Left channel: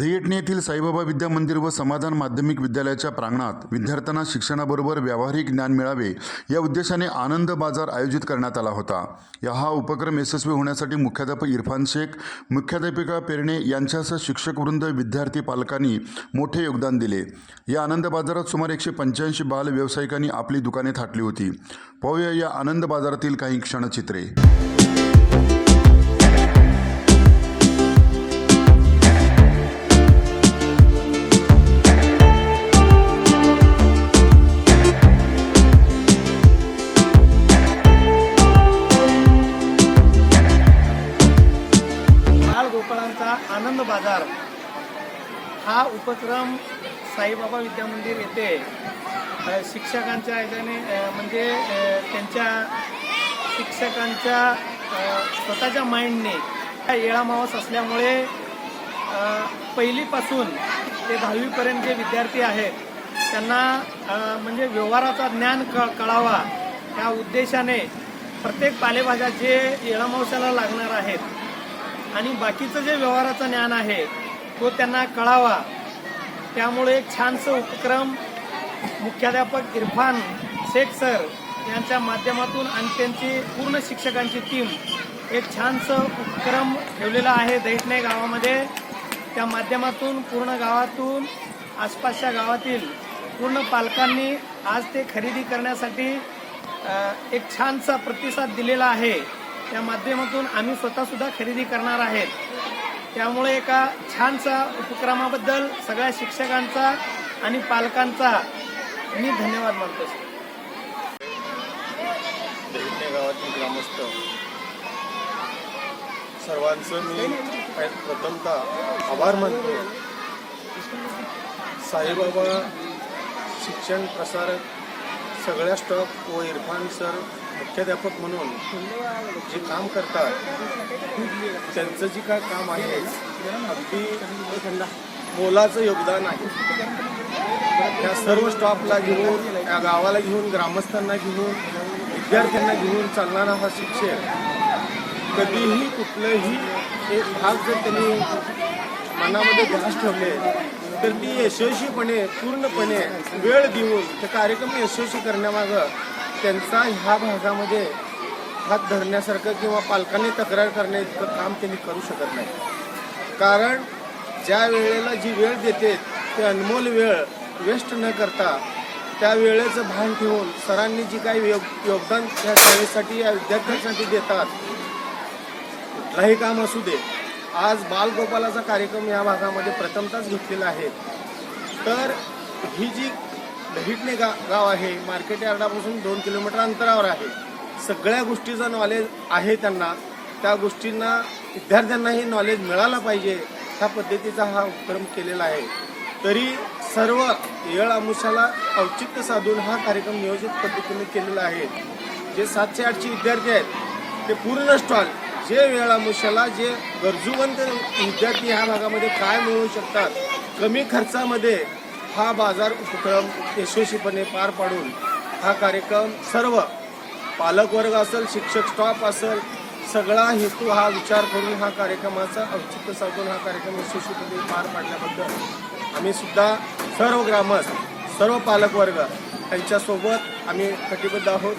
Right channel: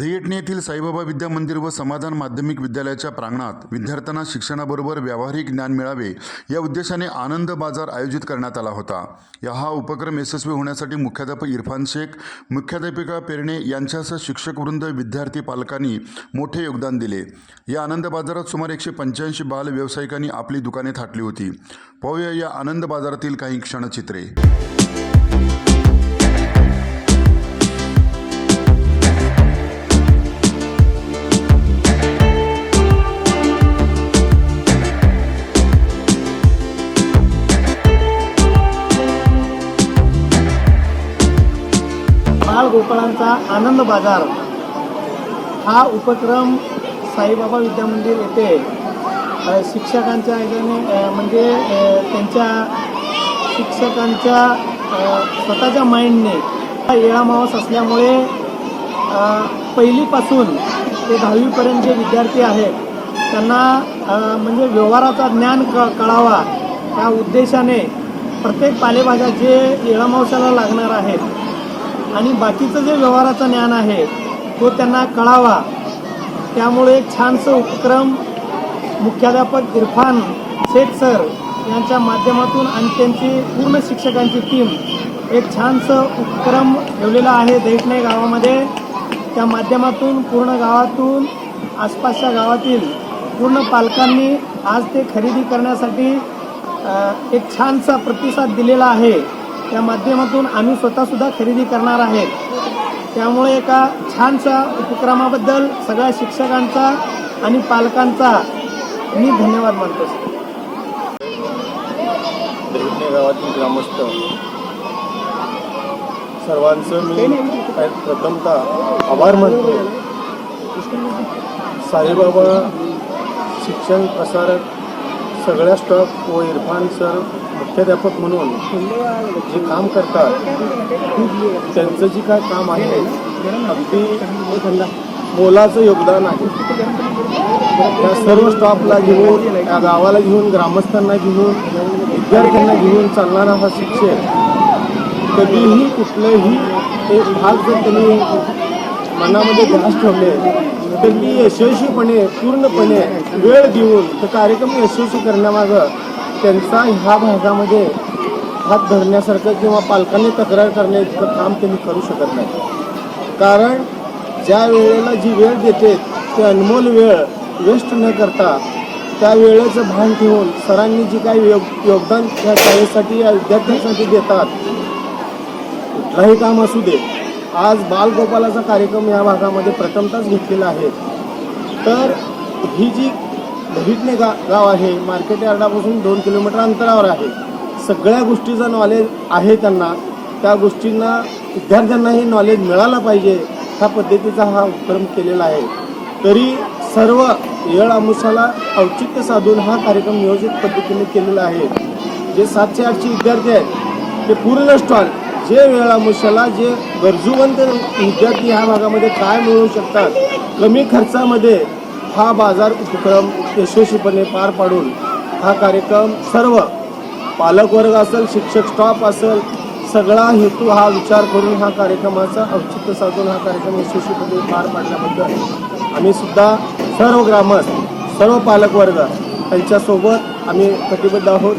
दहियटणे येथील साईबाबा विद्या मंदिर व समाधान माध्यमिक विद्यालयाच्या प्रांगणात विद्यार्थ्यांना शिक्षणाबरोबर व्यावहारिक ज्ञान मिळावे या उद्देशाने आनंद बाजार आयोजित करण्यात आला होता. या हा उपक्रम यशस्वी होण्यासाठी मुख्याध्यापक इरफान शेख मुख्याध्यापिका पेरणे यांच्यासह शिक्षकवृंद विद्यार्थी पालकांनी मोठे योगदान दिले. या आनंद बाजारात सुमारे एकशे पंच्याऐंशी बाल व्यावसायिकांनी आपली दुकाने थाटली होती. पाहूया या आनंद बाजारातील काही क्षणचित्रे. गोपाळांचा आनंद बाजार. हा उपक्रम साईबाबा विद्या मंदिर येथे शिक्षकांच्या ह्याच्याने म्हणजे त्यांच्या शिक्षकांच्या स्वतःच्या माइंडने हा येळामावस असल्यामुळे पहिलीपासून ते दहावीपर्यंत जे विद्यार्थी आहेत त्यांना म्हणजे व्यवहाराचा ज्ञान क कळावा त्या उद्देशाने प्रत्येक पालेभाज्या जे येळामावसाला लागणार आहेत आणि बाकीचं जे व्यवहाराचं ज्ञान आहे तो त्यांना कळावा. त्यामुळे छानसं उपक्रम मुख्याध्यापक इरफान शेख सर यांच्या माध्यमातून आणि त्यांची पूर्ण शिक्षकांची टीम एक छानसं उपक्रम ठेवलेला आहे दैठणे गावामध्ये. त्या माध्यमातून पूर्ण गावातून आसपासच्या गावातील पूर्ण पालकांनी आज ते खरेदी करण्यासाठी एक छानसा प्रतिसाद दिलेला आहे. त्या माध्यमातून आम्ही स्वतः सुद्धा खरेदी करणार आहेत. त्यामुळे एका छानशा उपक्रमाबद्दल सगळ्या शिक्षकांचा आणि पालकांचा मी धन्यवाद मानतो गावातील ग्रामस्थ. सर्वांचं मी काही प्रथमतः आभार मानतो. साईबाबा शिक्षण प्रसारक सगळ्या स्टाफ व इरफान सर मुख्याध्यापक म्हणून जे काम करतात त्यांचं जे काय काम आहे अगदी मोलाचं योगदान आहे. त्या सर्व स्टॉफला घेऊन त्या गावाला घेऊन ग्रामस्थांना घेऊन विद्यार्थ्यांना घेऊन चालणारा हा शिक्षक कधीही कुठलंही एक भाग जर त्यांनी मनामध्ये ध्यास ठेवले तर ती यशस्वीपणे पूर्णपणे वेळ देऊन ते कार्यक्रम यशस्वी करण्यामागं त्यांचा ह्या भागामध्ये हात धरण्यासारखं किंवा पालकांनी तक्रार करण्या इतकं काम त्यांनी करू शकत नाही. कारण ज्या वेळेला जी वेळ देते ते अनमोल वेळ वेस्ट न करता त्या वेळेचं भान ठेवून सरांनी जी काही योग योगदान त्या शाळेसाठी या विद्यार्थ्यांसाठी देतात कुठलाही काम असू दे. आज बालगोपालाचा कार्यक्रम या भागामध्ये प्रथमताच घेतलेला आहे. तर ही जी दहिटणे गा गाव आहे. मार्केट यार्डापासून दोन किलोमीटर अंतरावर आहे. सगळ्या गोष्टीचं नॉलेज आहे त्यांना. त्या गोष्टींना विद्यार्थ्यांनाही नॉलेज मिळालं पाहिजे ह्या पद्धतीचा हा उपक्रम केलेला आहे. तरी सर्व येळ आमुसाला औचित्य साधून हा कार्यक्रम नियोजित पद्धतीने केलेला आहे. जे सातशे आठशे विद्यार्थी आहेत ते पूर्ण स्टॉल जे वेळामुशाला जे गरजूवंत विद्यार्थी ह्या भागामध्ये काय मिळवू शकतात कमी खर्चामध्ये हा बाजार उपक्रम यशस्वीपणे पार पाडून हा कार्यक्रम सर्व पालकवर्ग असेल शिक्षक स्टाफ असेल सगळा हेतू हा विचार करून हा कार्यक्रमाचा औचित्य साधून हा कार्यक्रम यशस्वीपणे पार पाडल्याबद्दल आम्ही सुद्धा सर्व ग्रामस्थ सर्व पालकवर्ग यांच्यासोबत आम्ही कटिबद्ध आहोत.